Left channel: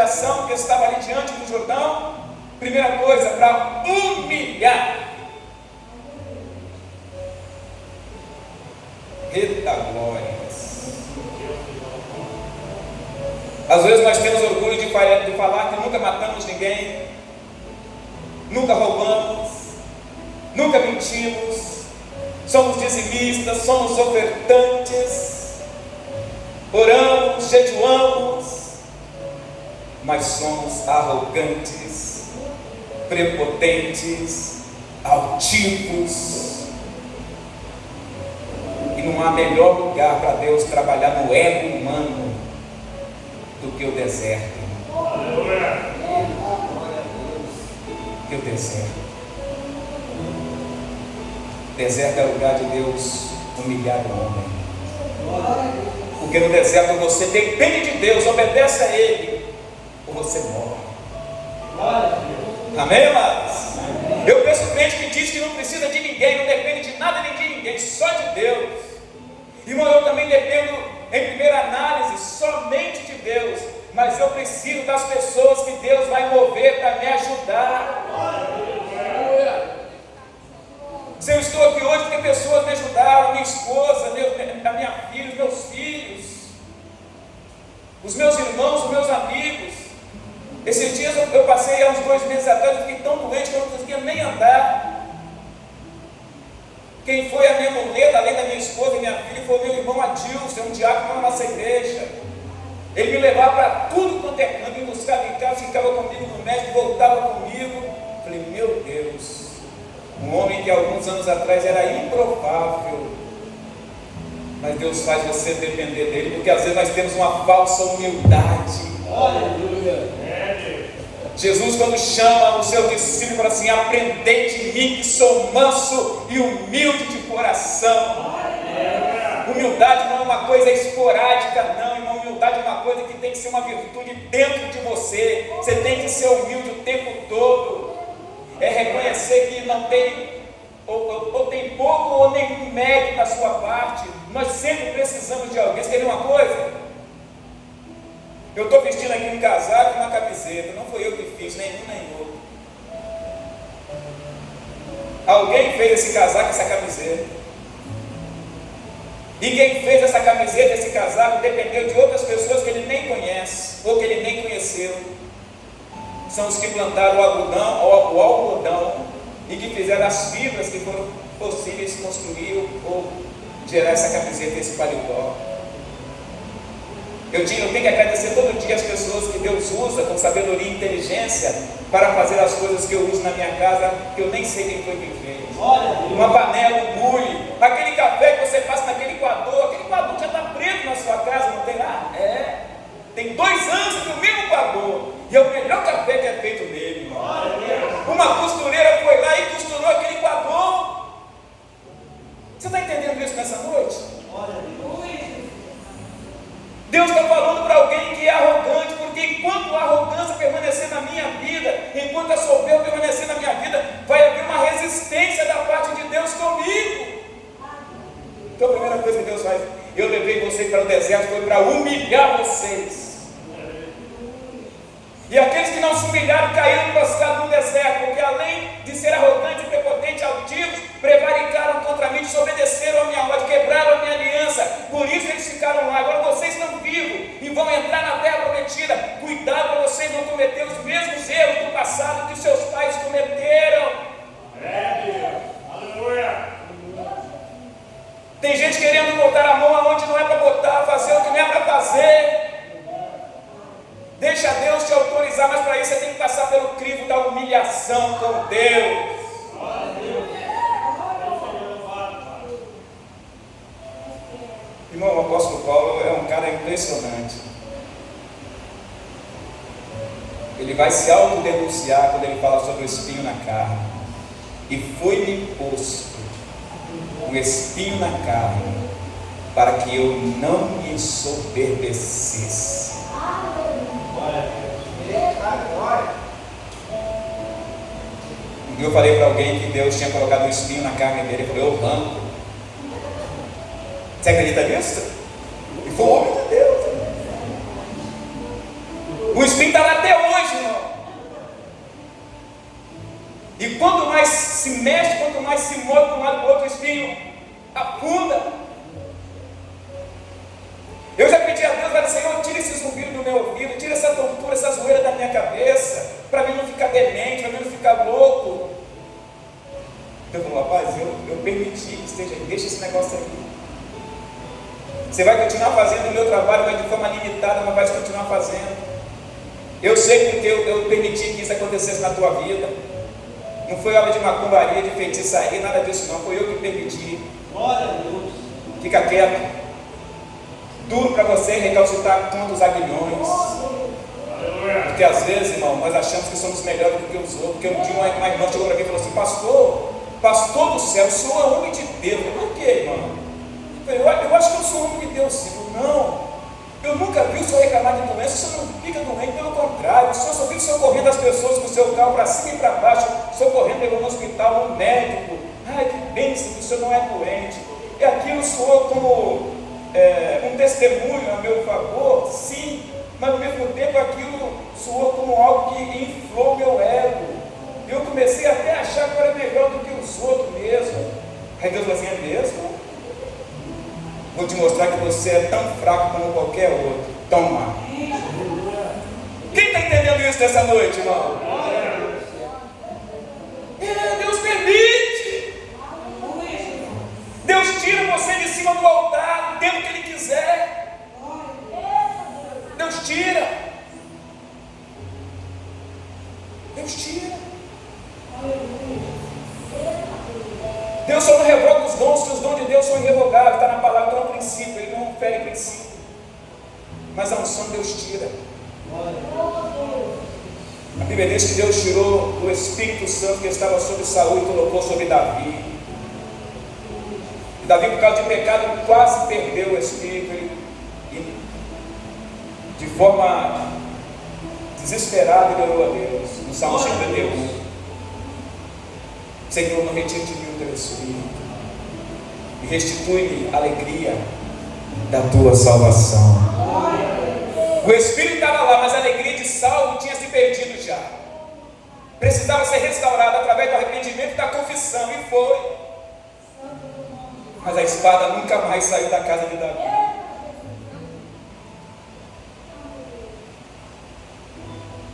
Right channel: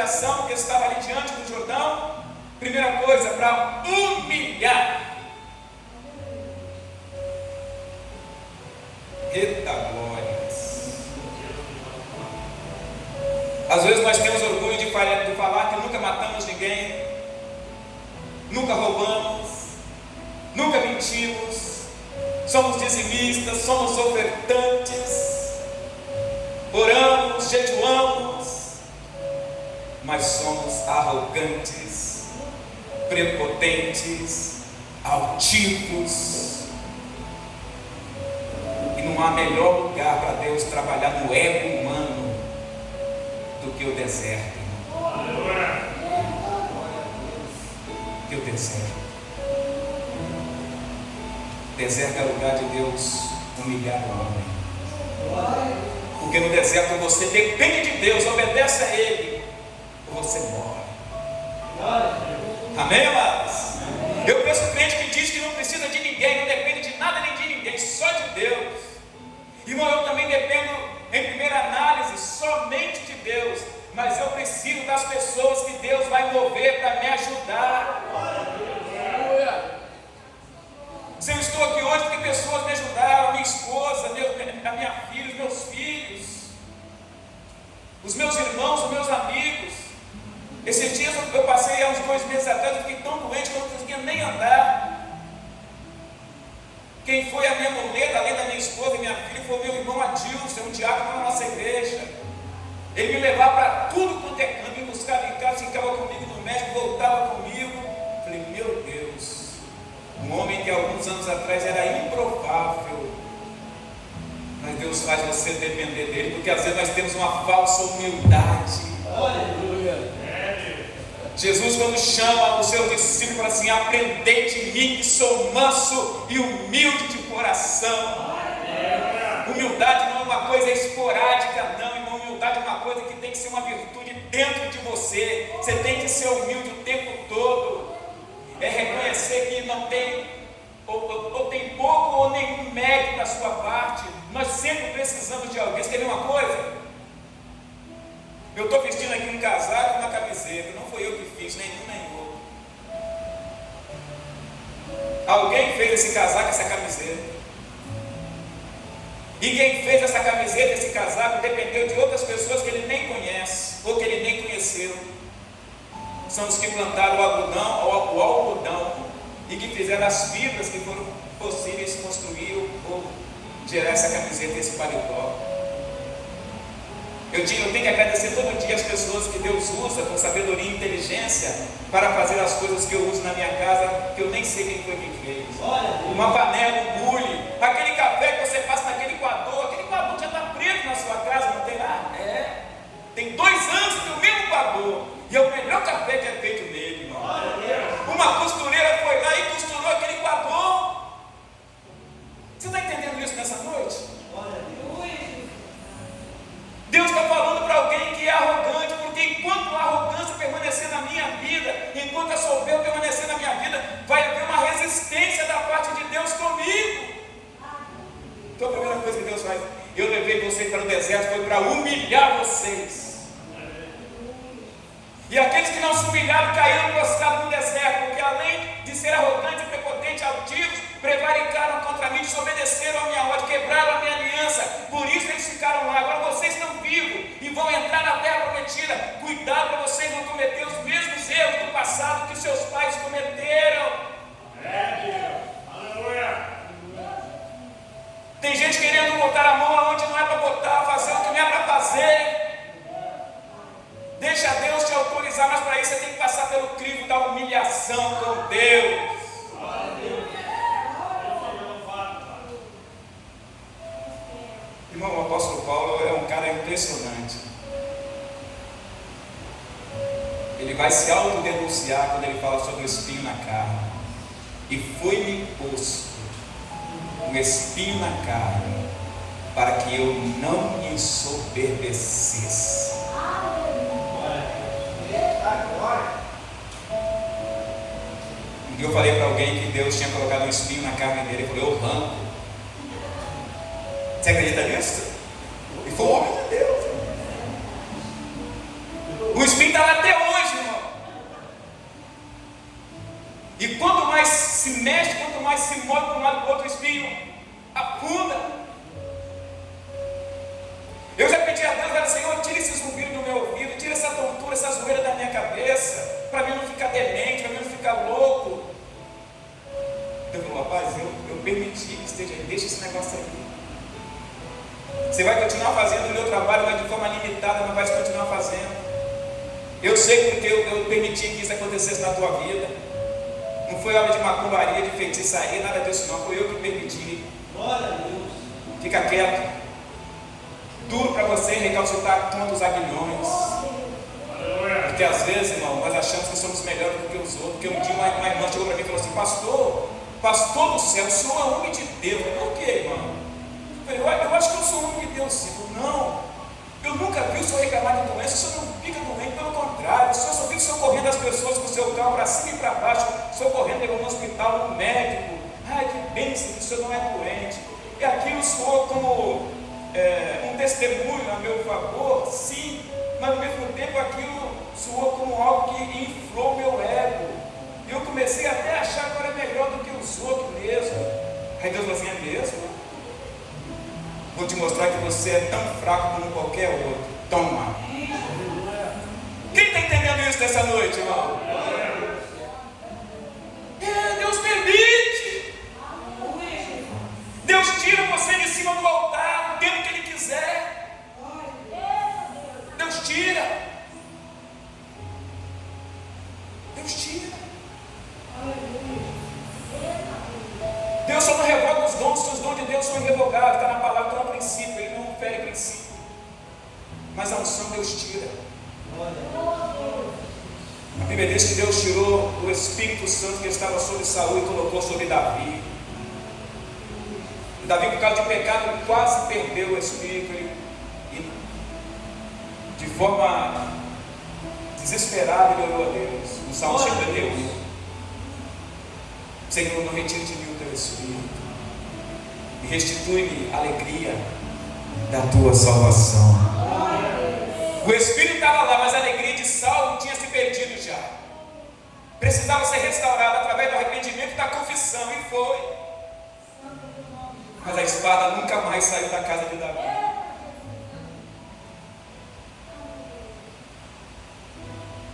geração que estava ali diante do Jordão? Primeira coisa, para humilhar. Eita glórias! Às vezes nós temos orgulho de falar que nunca matamos ninguém, nunca roubamos, nunca mentimos, somos dizimistas, somos ofertantes, oramos, jejuamos, mas somos arrogantes, prepotentes, altivos. E não há melhor lugar para Deus trabalhar no ego humano do que o deserto. Que o deserto. Deserto é lugar de Deus humilhar o homem. Porque no deserto você depende de Deus, obedece a Ele, ou você morre. Amém, amados? Eu penso crente que diz que não precisa de ninguém, não depende de nada nem de ninguém, só de Deus. Irmão, eu também dependo, em primeira análise, somente de Deus. Mas eu preciso das pessoas que Deus vai mover para me ajudar. Se eu estou aqui hoje, porque pessoas me ajudaram, minha esposa, a minha filha, os meus filhos, os meus irmãos, os meus amigos. Esses dias eu passei, há uns 2 meses atrás, eu fiquei tão doente que eu não conseguia nem andar. Quem foi a minha muleta, além da minha esposa e minha filha, foi o meu irmão Adilson, um diácono da nossa igreja. Ele me levava para tudo quanto é canto, me buscava em casa, ficava comigo no médico, voltava comigo. Falei, meu Deus, um homem que alguns anos atrás era improvável, mas Deus faz você depender dele, porque às vezes nós temos uma falsa humildade. Aleluia. Jesus, quando chama os seus discípulos, fala assim: aprendei de mim que sou manso e humilde de coração. Humildade não é uma coisa esporádica, não, irmão. Humildade é uma coisa que tem que ser uma virtude dentro de você. Você tem que ser humilde o tempo todo. É reconhecer que não tem, ou tem pouco ou nenhum mérito da sua parte. Nós sempre precisamos de alguém. Você quer ver uma coisa? Eu estou vestindo aqui um casaco e uma camiseta. Não foi eu que fiz, nem um nem outro. Alguém fez esse casaco, essa camiseta. E quem fez essa camiseta, esse casaco, dependeu de outras pessoas que ele nem conhece, ou que ele nem conheceu. São os que plantaram o algodão e que fizeram as fibras que foram possíveis construir ou gerar essa camiseta, esse paletó. Eu tenho que agradecer todo dia as pessoas que Deus usa com sabedoria e inteligência para fazer as coisas que eu uso na minha casa, que eu nem sei quem foi que fez. Uma panela, um bule, aquele café que você passa naquele coador já está preto na sua casa, não tem lá? Tem 2 anos que o mesmo coador, e é o melhor café que é feito nele, irmão. Uma costureira foi lá e costurou aquele coador. Você está entendendo isso nessa noite? Deus está falando para alguém que é arrogante, porque enquanto a arrogância permanecer na minha vida, enquanto a soberba permanecer na minha vida, vai haver uma resistência da parte de Deus comigo. Então a primeira coisa que Deus faz, eu levei vocês para o deserto, foi para humilhar vocês. E aqueles que não se humilharam caíram prostrados no deserto, porque além de ser arrogantes, prepotentes, altivos, prevaricaram contra mim, desobedeceram a minha ordem, quebraram a minha aliança. Por isso eles ficaram lá. Agora vocês estão vivos e vão entrar na terra prometida. Cuidado para vocês não cometer os mesmos erros do passado que seus pais cometeram. Aleluia. Tem gente querendo botar a mão aonde não é para botar, fazer o que não é para fazer. Deixa Deus te autorizar, mas para isso você tem que passar pelo crivo da humilhação com Deus. Irmão, o apóstolo Paulo é um cara impressionante. Ele vai se autodenunciar quando ele fala sobre o espinho na carne. E foi-me posto um espinho na carne, para que eu não me ensoberbecesse. Eu falei para alguém que Deus tinha colocado um espinho na carne dele. Ele falou: eu arranco. Você acredita nisso? E foi o homem de Deus. O O espinho está lá até hoje, irmão. E quanto mais se mexe, quanto mais se move de um lado para o outro, o espinho afunda. Eu já pedi a Deus, Senhor, tira esse zumbido do meu ouvido, tira essa tontura, essa zoeira da minha cabeça, para mim não ficar demente, para mim não ficar louco. Deus falou, rapaz, eu permiti que esteja aí, deixa esse negócio aí. Você vai continuar fazendo o meu trabalho, mas de forma limitada, mas vai continuar fazendo. Eu sei porque eu permiti que isso acontecesse na tua vida. Não foi obra de macumbaria, de feitiçaria, nada disso não, foi eu que permiti. Glória a Deus. Fica quieto. Duro para você recalcitrar contra os aguilhões. Porque às vezes, irmão, nós achamos que somos melhores do que os outros. Porque um dia uma irmã chegou para mim e falou assim, pastor do céu, o senhor é homem de Deus. Eu falei, por quê, irmão? Eu acho que eu sou homem de Deus, sim. Não, eu nunca vi o senhor reclamar de doença, o senhor não fica doente, pelo contrário, o senhor só fica socorrendo as pessoas com o seu carro para cima e para baixo, socorrendo, levando no hospital, no médico. Ai, que bênção, que o senhor não é doente. E aquilo soou como um testemunho a meu favor, sim, mas ao mesmo tempo aquilo soou como algo que inflou meu ego. E eu comecei até a achar que eu era melhor do que os outros mesmo. Aí Deus falou assim, é mesmo? Vou te mostrar que você é tão fraco como qualquer outro. Toma. Quem está entendendo isso nessa noite, irmão? Deus permite. Deus tira você de cima do altar, o tempo que Ele quiser. Deus tira. Deus tira. Deus só não revoga os dons, que os dons de Deus são irrevogáveis. Está na palavra, está no princípio. Ele não fere princípio. Mas a unção Deus tira. A Bíblia diz que Deus tirou o Espírito Santo que estava sobre Saul e colocou sobre Davi. E Davi, por causa de pecado, quase perdeu o Espírito. E de forma desesperada, ele orou a Deus. No Salmo 51. Senhor, não retire de mim o teu Espírito e restitui-me a alegria da tua salvação. O Espírito estava lá, mas a alegria de Saulo tinha se perdido já. Precisava ser restaurada através do arrependimento e da confissão, e foi. Mas a espada nunca mais saiu da casa de Davi.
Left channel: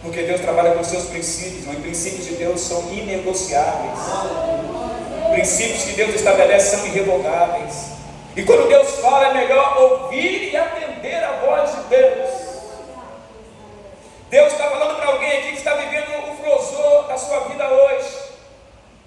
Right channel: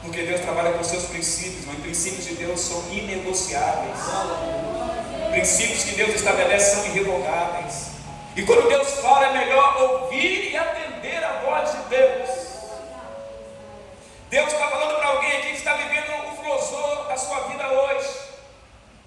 Porque Deus trabalha com seus princípios, mas os princípios de Deus são inegociáveis. Princípios que Deus estabelece são irrevogáveis. E quando Deus fala, é melhor ouvir e atender a voz de Deus. Deus está falando para alguém aqui que está vivendo o flosor da sua vida hoje.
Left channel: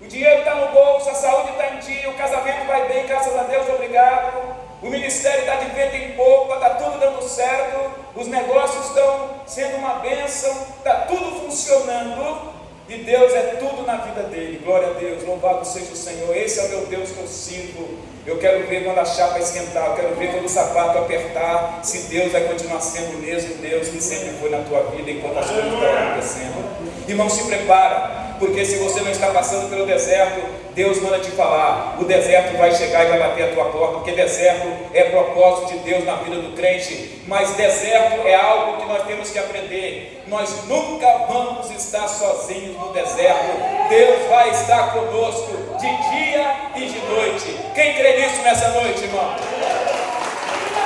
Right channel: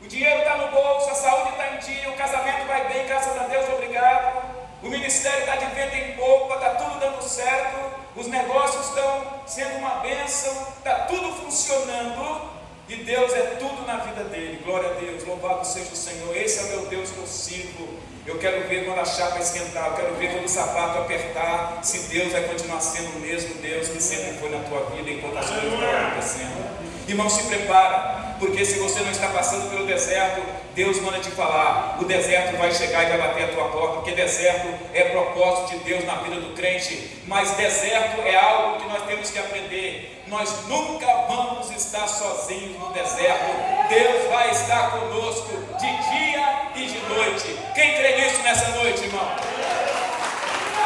O dinheiro está no bolso, a saúde está em dia, o casamento vai bem, graças a Deus, obrigado. O ministério está de vento em pouco, está tudo dando certo, os negócios estão sendo uma bênção, está tudo funcionando, e Deus é tudo na vida dele. Glória a Deus, louvado seja o Senhor. Esse é o meu Deus que eu sirvo. Eu quero ver quando a chapa esquentar, eu quero ver quando o sapato apertar, se Deus vai continuar sendo o mesmo Deus que sempre foi na tua vida enquanto as coisas estão acontecendo. Irmão, se prepara, porque se você não está passando pelo deserto, Deus manda te falar, o deserto vai chegar e vai bater a tua porta, porque deserto é propósito de Deus na vida do crente. Mas deserto é algo que nós temos que aprender. Nós nunca vamos estar sozinhos no deserto. Deus vai estar conosco de dia e de noite. Quem crê nisso nessa noite, irmão?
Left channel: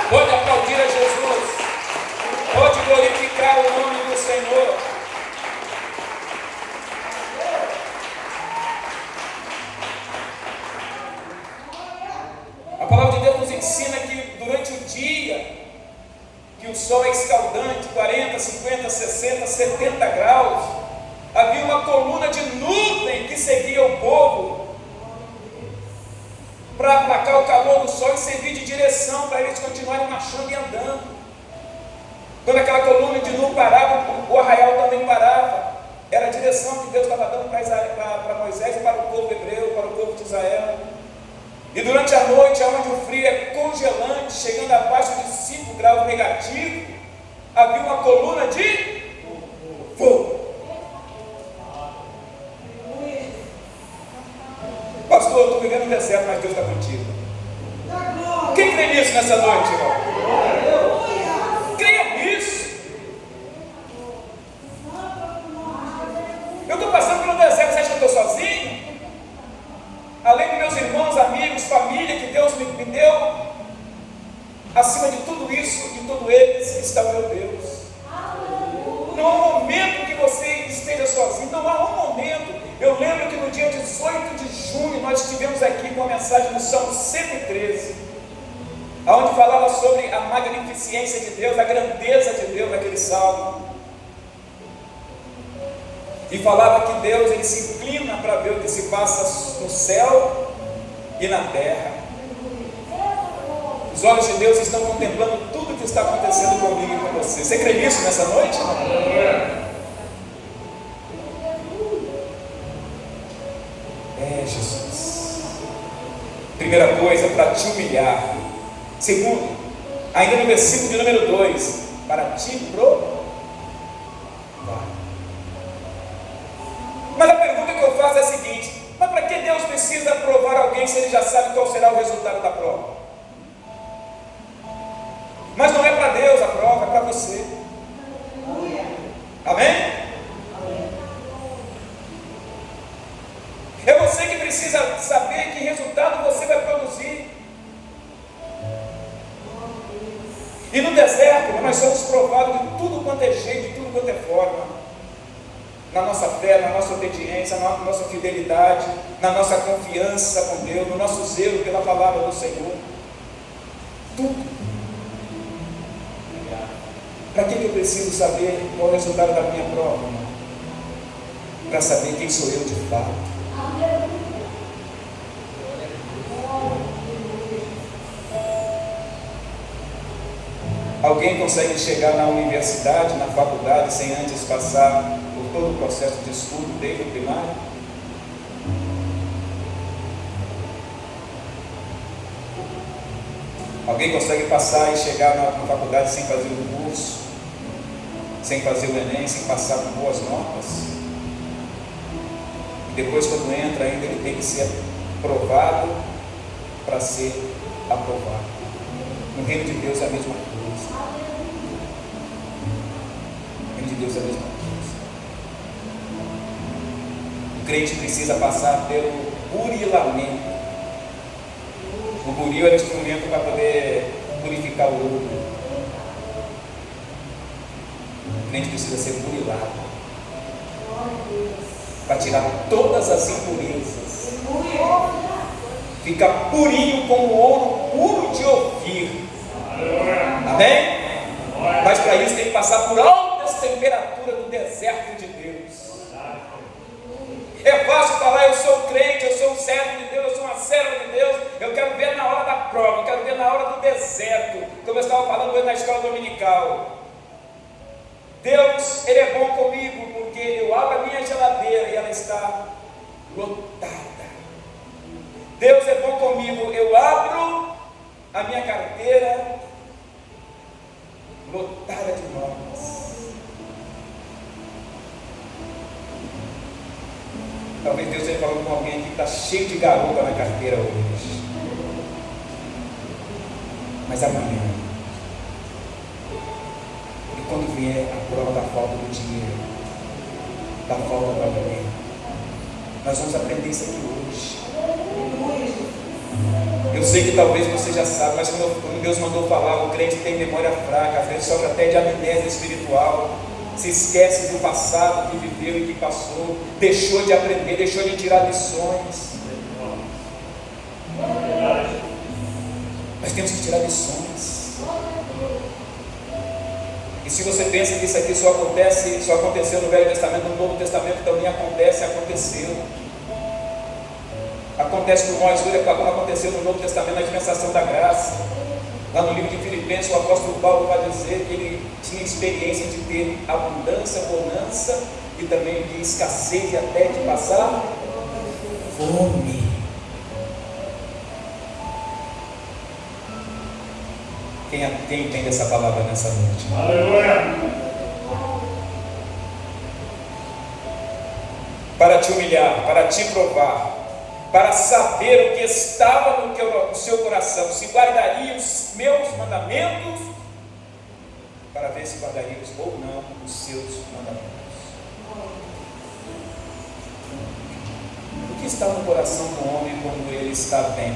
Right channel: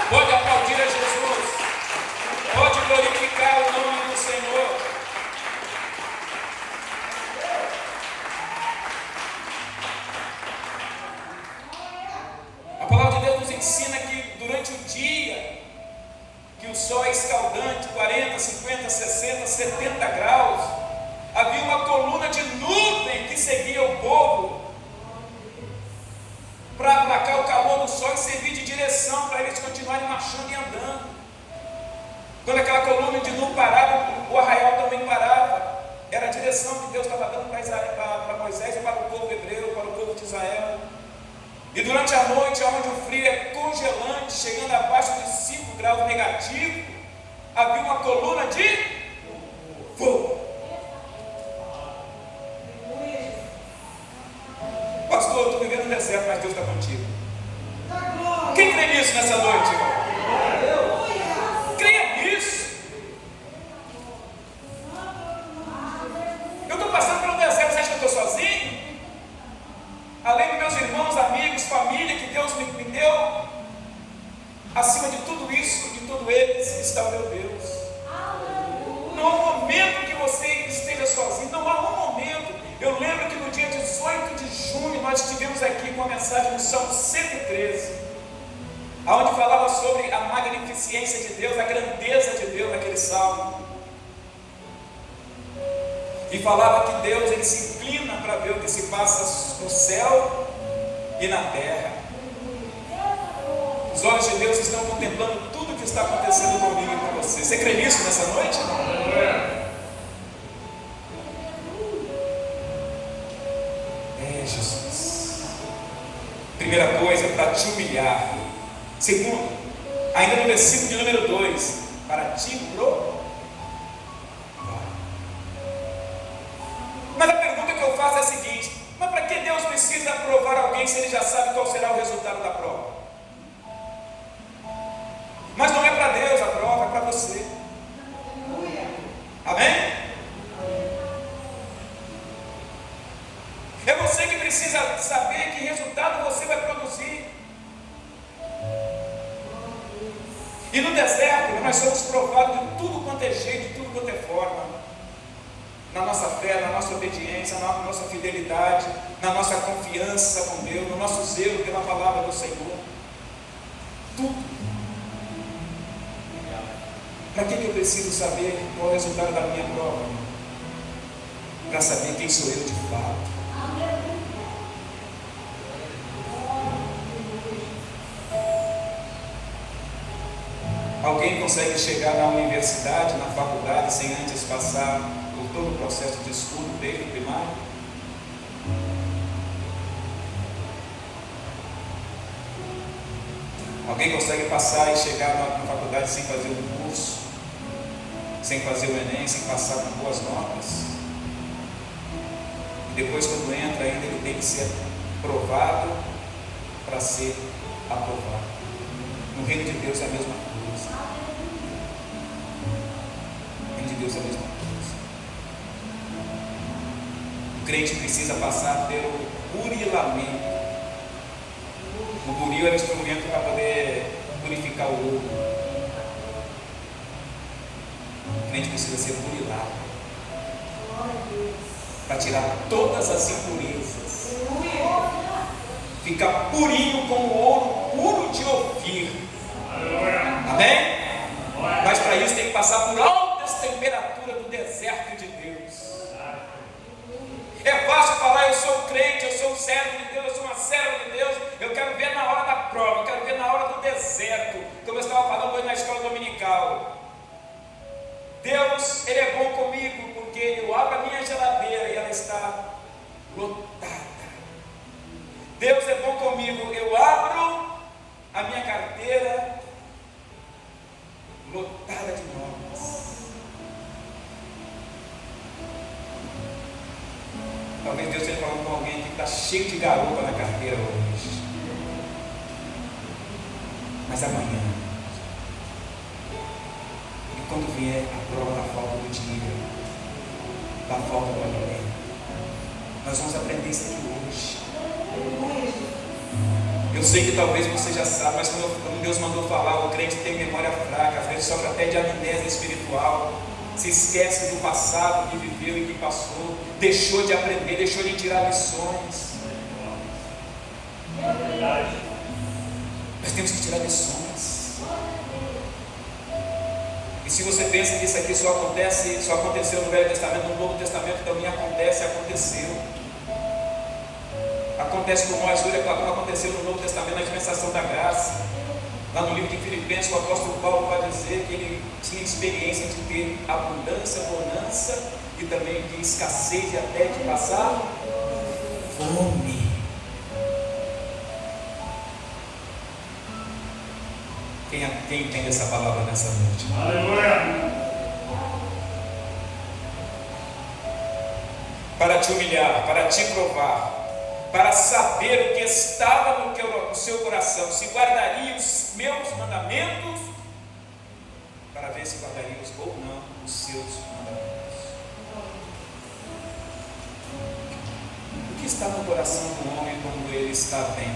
Pode aplaudir a Jesus, pode glorificar o nome do Senhor. A palavra de Deus nos ensina que durante o dia, que o sol é escaldante, 40, 50, 60, 70 graus, havia uma coluna de nuvem que seguia o povo para aplacar o calor do sol e servir de direção para eles continuarem marchando e andando. Quando aquela coluna de nuvem parava, o arraial também parava. Era a direção que Deus estava dando para Moisés e para o povo hebreu, para o povo de Israel. E durante a noite, onde o frio é congelante, chegando abaixo de 5 graus negativos, havia uma coluna de fogo. Pastor, eu estou vivendo no deserto, mas Deus está contigo. Quem crê nisso nessa noite, irmão? Creia nisso. sozinho? Além dos meus irmãos, amigos, família que Deus me deu, acima de tudo isso, de tudo eles, está o meu Deus. Não há um momento que você esteja sozinho, não há um momento. Eu lembro que no dia 18 de junho nós estivemos aqui com a mensagem no Salmo 113, onde falava sobre a magnificência de Deus, a grandeza de Deus naquele salmo. E falava que Deus, Ele se inclina para ver o que se passa no céu e na terra. Os olhos de Deus estão contemplando tudo o que está acontecendo comigo e com você. Você crê nisso nessa noite? Jesus. Primeira coisa, para te humilhar. Segundo, ainda no versículo de número 2, para te provar. Mas a pergunta que eu faço é a seguinte: mas para que Deus precisa provar alguém se Ele já sabe qual será o resultado da prova? Mas não é para Deus a prova, é para você. Amém? É você que precisa saber que resultado você vai produzir. E no deserto nós somos provados de tudo quanto é jeito, de tudo quanto é forma. Na nossa fé, na nossa obediência, na nossa fidelidade, na nossa confiança com Deus, no nosso zelo pela palavra do Senhor. Tudo. Para que eu preciso saber qual é o resultado da minha prova? Para saber quem sou eu de fato. Alguém consegue chegar na universidade, na faculdade, sem antes passar por todo o processo de estudo desde o primário? Alguém consegue passar e chegar na faculdade sem fazer o curso, sem fazer o Enem, sem passar com boas notas? E depois, quando entra, ainda ele tem que ser aprovado para ser aprovado. No reino de Deus é a mesma coisa. No reino de Deus é a mesma coisa. O crente precisa passar pelo burilamento. O buril é o instrumento para poder purificar o ouro. O crente precisa ser burilado para tirar todas as impurezas. Fica purinho como ouro puro de ouvir. Amém? Mas para isso tem que passar por altas temperaturas do deserto de Deus. É fácil falar: eu sou crente, eu sou um servo de Deus, eu sou uma serva de Deus. Eu quero ver na hora da prova, eu quero ver na hora do deserto. Como eu estava falando hoje na escola dominical, Deus, Ele é bom comigo, porque eu abro a minha geladeira e ela está lotada. Deus é bom comigo, eu abro a minha carteira lotada de notas. Talvez Deus esteja falando com alguém que está cheio de garupa na carteira hoje. Mas amanhã, e quando vier a prova da falta do dinheiro, da falta do alimento, nós vamos aprender isso aqui hoje. Eu sei que talvez você já sabe, mas como Deus mandou falar, o crente tem memória fraca, às vezes sofre até de amnésia espiritual, se esquece do passado que viveu e que passou, deixou de aprender, deixou de tirar lições. Nós temos que tirar lições. E se você pensa que isso aqui só aconteceu no Velho Testamento, no Novo Testamento também aconteceu. Acontece com nós hoje, como aconteceu no Novo Testamento, na dispensação da graça. Lá no livro de Filipenses, o apóstolo Paulo vai dizer que ele tinha experiência de ter abundância, bonança e também de escassez e até de passar fome. Quem entende essa palavra nessa noite? Aleluia! Para te humilhar, para te provar, para saber o que estava no seu coração, se guardaria os meus mandamentos, para ver se guardaria ou não os seus mandamentos. que está no coração do homem quando ele está bem?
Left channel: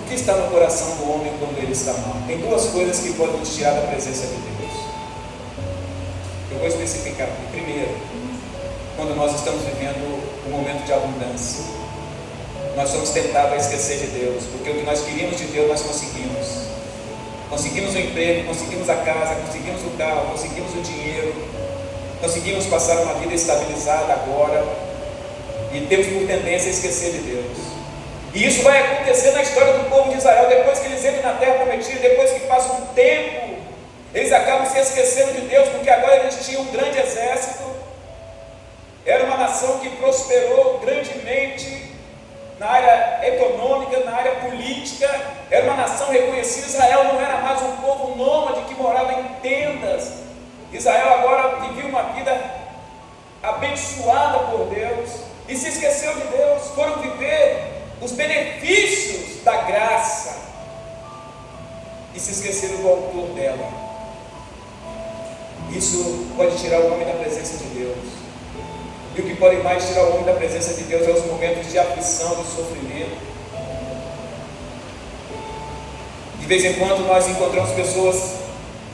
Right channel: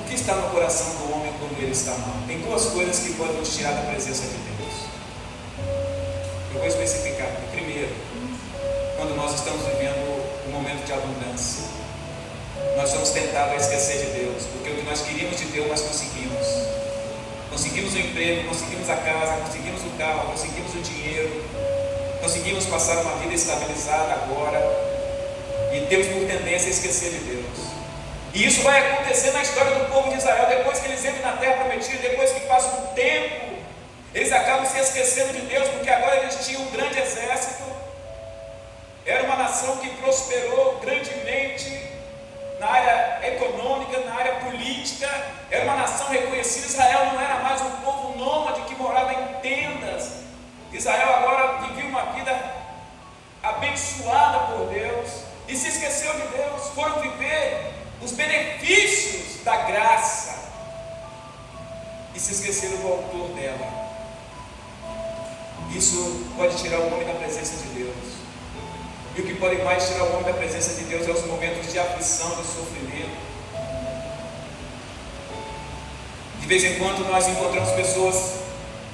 O que está no coração do homem quando ele está mal? Tem duas coisas que podem nos tirar da presença de Deus. Eu vou especificar. Primeiro, quando nós estamos vivendo um momento de abundância, nós somos tentados a esquecer de Deus, porque o que nós queríamos de Deus nós conseguimos. Conseguimos o emprego, conseguimos a casa, conseguimos o carro, conseguimos o dinheiro, conseguimos passar uma vida estabilizada agora, e temos por tendência a esquecer de Deus. E isso vai acontecer na história do povo de Israel. Depois que eles entram na terra prometida, depois que passa um tempo, eles acabam se esquecendo de Deus, porque agora eles tinham um grande exército. Era uma nação que prosperou grandemente na área econômica, na área política. Era uma nação reconhecida. Israel não era mais um povo nômade que morava em tendas. Israel agora vivia uma vida abençoada por Deus e se esqueceu de Deus. Foram viver os benefícios da graça e se esqueceram do autor dela. Isso pode tirar o homem da presença de Deus. E o que pode mais tirar o homem da presença de Deus é os momentos de aflição, de sofrimento. De vez em quando nós encontramos pessoas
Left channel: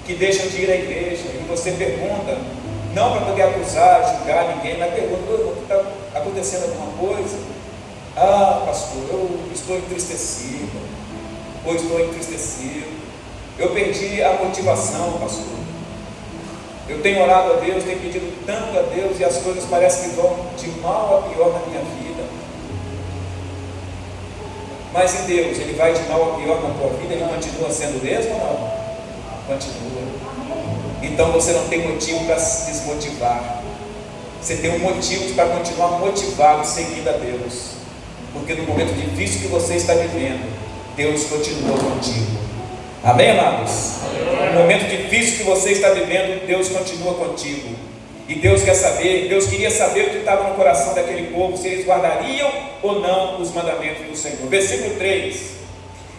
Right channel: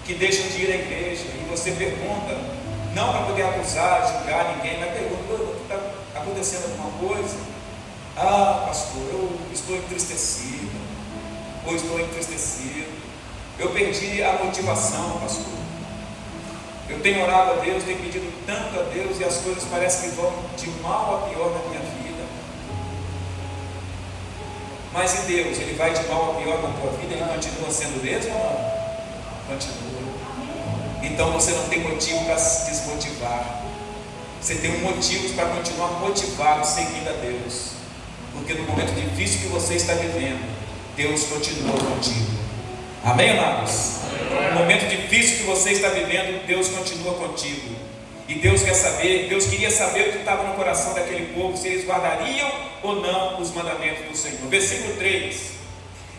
que deixam de ir à igreja e você pergunta, não para poder acusar, julgar ninguém, mas pergunta, está acontecendo alguma coisa? Ah, pastor, eu estou entristecido, ou estou entristecido, eu perdi a motivação, pastor. Eu tenho orado a Deus, tenho pedido tanto a Deus e as coisas parecem que vão de mal a pior na minha vida. Mas em Deus, Ele vai de mal a pior na tua vida, Ele continua sendo o mesmo ou não? Continua. Então você não tem motivo para se desmotivar. Você tem um motivo para continuar motivado, seguindo a Deus. Porque no momento difícil que você está vivendo, Deus continua contigo. Amém, amados? No momento difícil que você está vivendo, Deus continua contigo. E Deus quer saber, Deus queria saber o que estava no coração daquele povo, se eles guardariam ou não os mandamentos do Senhor. Versículo 3:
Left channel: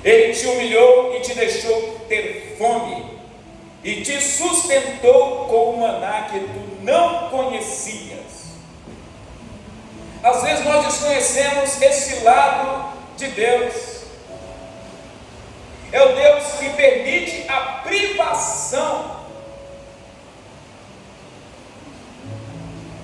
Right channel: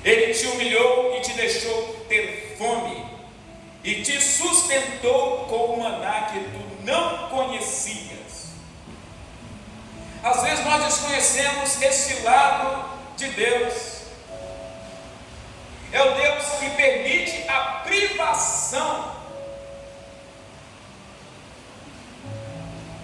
Ele te humilhou e te deixou ter fome, e te sustentou com o maná que tu não conhecias. Às vezes nós desconhecemos esse lado de Deus. É o Deus que permite a privação.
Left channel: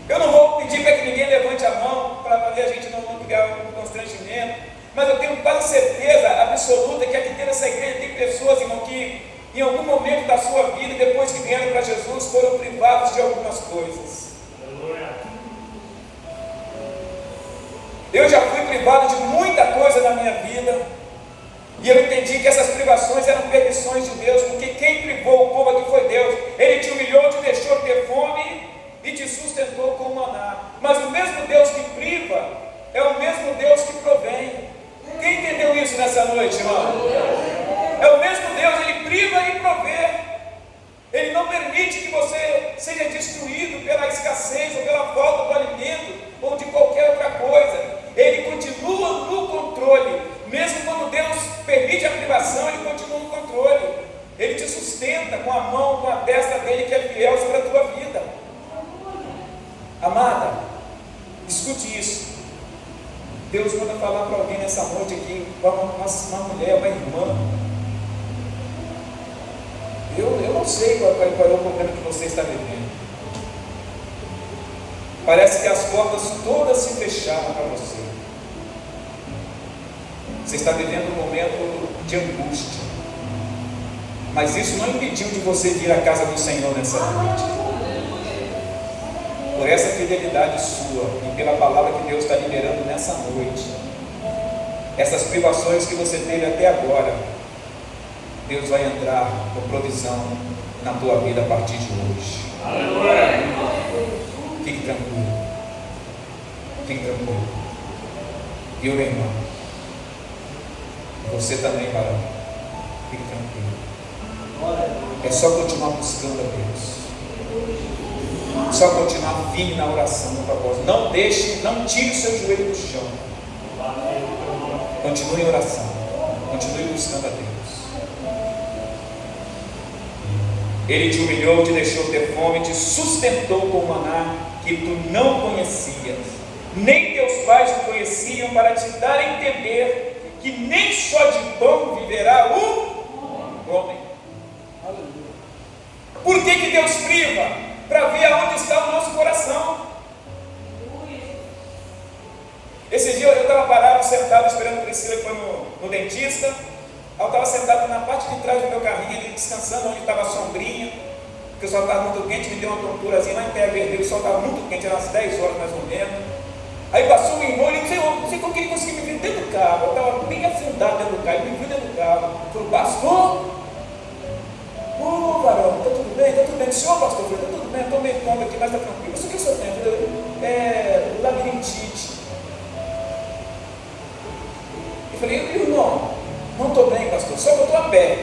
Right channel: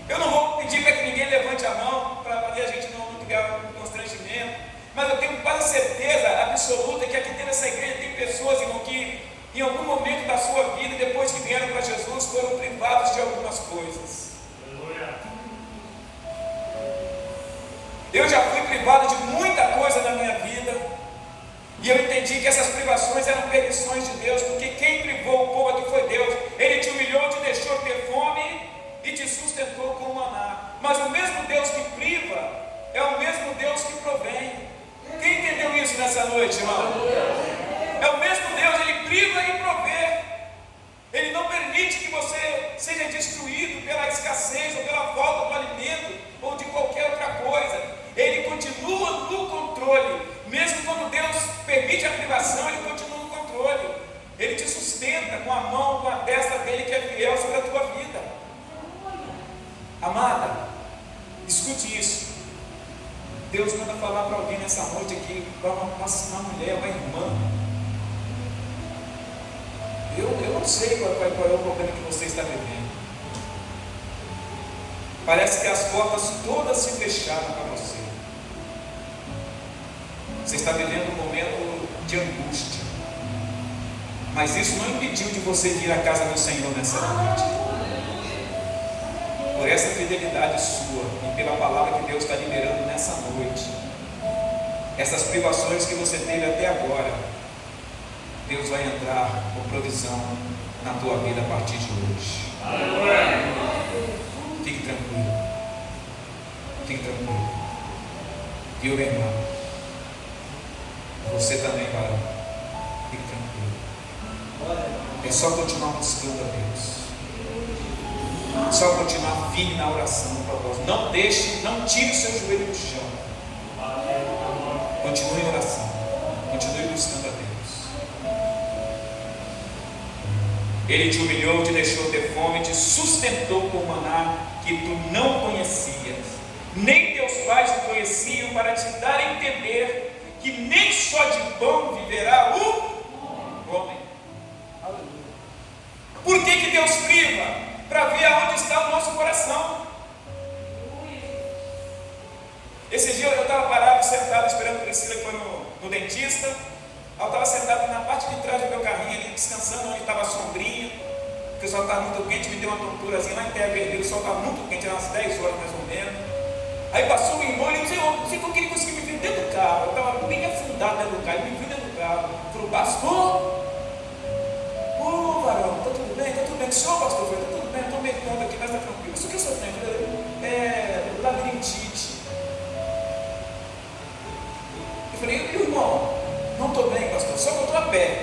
Eu não vou pedir para que ninguém levante a mão, para fazer a gente não criar um constrangimento, mas eu tenho quase certeza absoluta que aqui dentro dessa igreja tem pessoas, irmão, que em algum momento da sua vida, depois que vieram para Jesus, foram privados de algumas coisas. Eu já fui privado de muita coisa na minha vida. E eu entendi que essas privações eram permissões de Deus, porque quem privou o povo aqui foi Deus. Ele te humilhou, te deixou ter fome e te sustentou com o maná. Mas o mesmo Deus que priva é o mesmo Deus que provém. Quem entendeu isso nessa noite, irmão? É o mesmo Deus, Ele priva e provê. Ele não permite que você seja destruído pela escassez ou pela falta do alimento ou de qualquer outra coisa. Ele continua no controle. Mesmo quando Deus permite a privação, Ele continua no controle. Ele te sustenta com a mão, com a testa dEle que é fiel sobre a tua vida. Amada, escute isso. Deus manda falar para alguém nessa noite aqui, uma mulher, uma irmã. Eu não sei qual é o problema que você está vivendo. Parece que as portas todas se fecharam para você. Você está vivendo um momento de angústia. Mas isso não impediu de você vir à casa do Senhor nessa noite. Por essa fidelidade sua e pela palavra que Deus está liberando nessa noite, essas privações que você teve até agora, Deus vai entrar com provisão na tua vida a partir de hoje. Fique tranquilo. Fique tranquilo. Viu, meu irmão? Você também, varão. Fique tranquilo. É só continuar buscando a Deus. Só continuar firme na oração, no propósito. Não deixe, não tire o seu joelho do chão. Continue em oração. Continue buscando a Deus. Ele te humilhou, te deixou ter fome, te sustentou com o maná que tu não conhecias. nem teus pais o conheciam, para te dar a entender que nem só de pão viverá o homem. Por que Deus priva? Para ver aonde está o nosso coração. Esse dia eu estava parado, sentado, esperando a Priscila, que foi no dentista. Eu estava sentado na parte de trás do meu carrinho ali, descansando, onde estava a sombrinha, porque o sol estava muito quente, me deu uma tonturazinha lá em Terra Vermelha, o sol estava muito quente, eram umas 10 horas mais ou menos. Aí passou um irmão e eu disse: não sei como que ele conseguiu me ver dentro do carro. Eu estava bem afundado dentro do carro, ele me viu dentro do carro. Falei: pastor? Varão, está tudo bem? Está tudo bem? O senhor, pastor? Eu falei: está tudo bem, eu estou meio tonto aqui, mas está tranquilo. Mas o que o senhor tem? Eu falei: labirintite. Eu falei: irmão, não estou bem, pastor, só que eu estou a pé.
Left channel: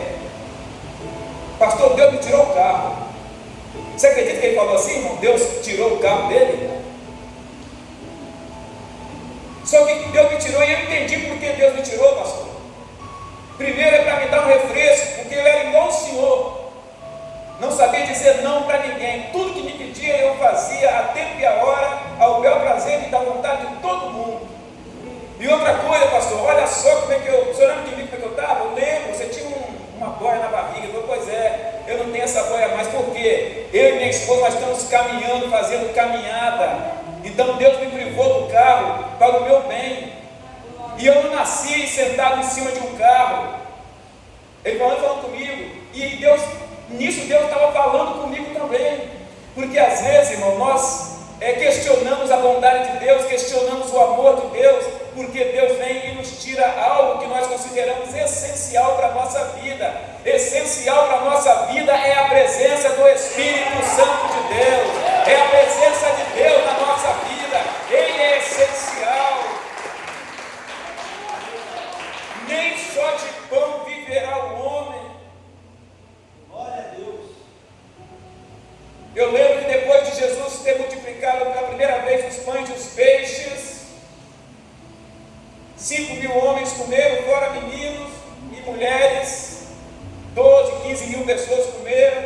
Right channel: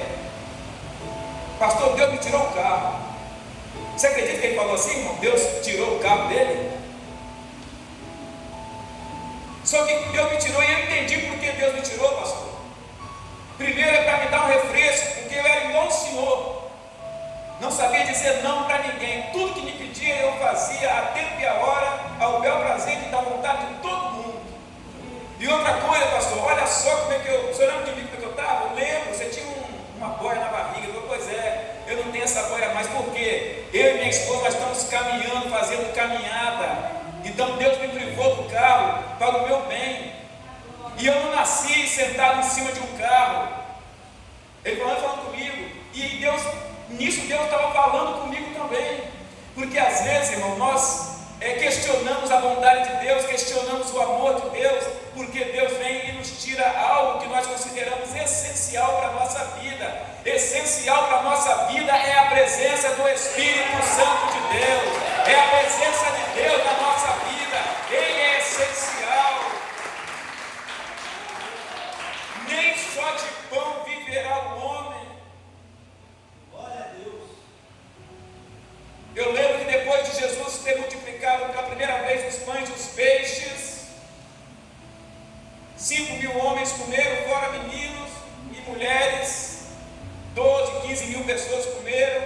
Pastor, Deus me tirou o carro. Você acredita que ele falou assim, irmão? Deus tirou o carro dele? Só que Deus me tirou e eu entendi por que Deus me tirou, pastor. Primeiro é para me dar um refresco, porque eu era igual o senhor. Não sabia dizer não para ninguém. Tudo que me pedia eu fazia a tempo e a hora, ao bel prazer e da vontade de todo mundo. E outra coisa, pastor, olha só como é que eu... O senhor lembra de mim como é que eu estava? Eu lembro, você tinha uma boia na barriga. Eu falei: pois é, eu não tenho essa boia mais, porque eu e minha esposa nós estamos caminhando, fazendo caminhada. Então Deus me privou do carro para o meu bem. E eu não nasci sentado em cima de um carro. Ele falando comigo. E Deus, nisso Deus estava falando comigo também. Porque às vezes, irmão, nós questionamos a bondade de Deus, questionamos o amor de Deus, porque Deus vem e nos tira algo que nós consideramos essencial para a nossa vida. Essencial para a nossa vida é a presença do Espírito Santo de Deus, é a presença de Deus na nossa vida. Ele é essencial. Nem só de pão viverá o homem. Glória a Deus. Eu lembro que depois de Jesus ter multiplicado pela primeira vez os pães e os peixes, 5.000 homens comeram, fora meninos e mulheres, 12, 15.000 pessoas comeram.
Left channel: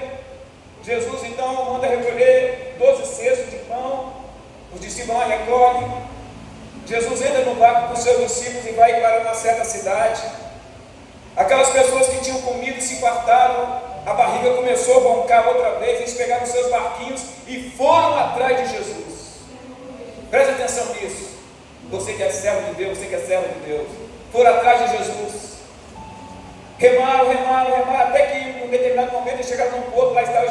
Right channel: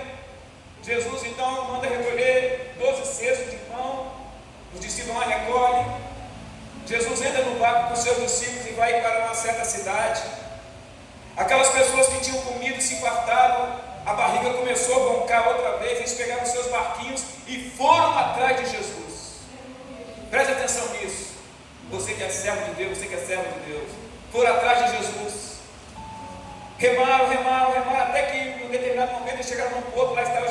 Jesus então manda recolher 12 cestos de pão, os discípulos lá recolhem. Jesus entra no barco com seus discípulos e vai para uma certa cidade. Aquelas pessoas que tinham comido e se fartaram, a barriga começou a roncar outra vez. Eles pegaram seus barquinhos e foram atrás de Jesus. Preste atenção nisso. Você que é servo de Deus, você que é servo de Deus, foram atrás de Jesus. Remaram, até que em um determinado momento eles chegaram num porto, lá estava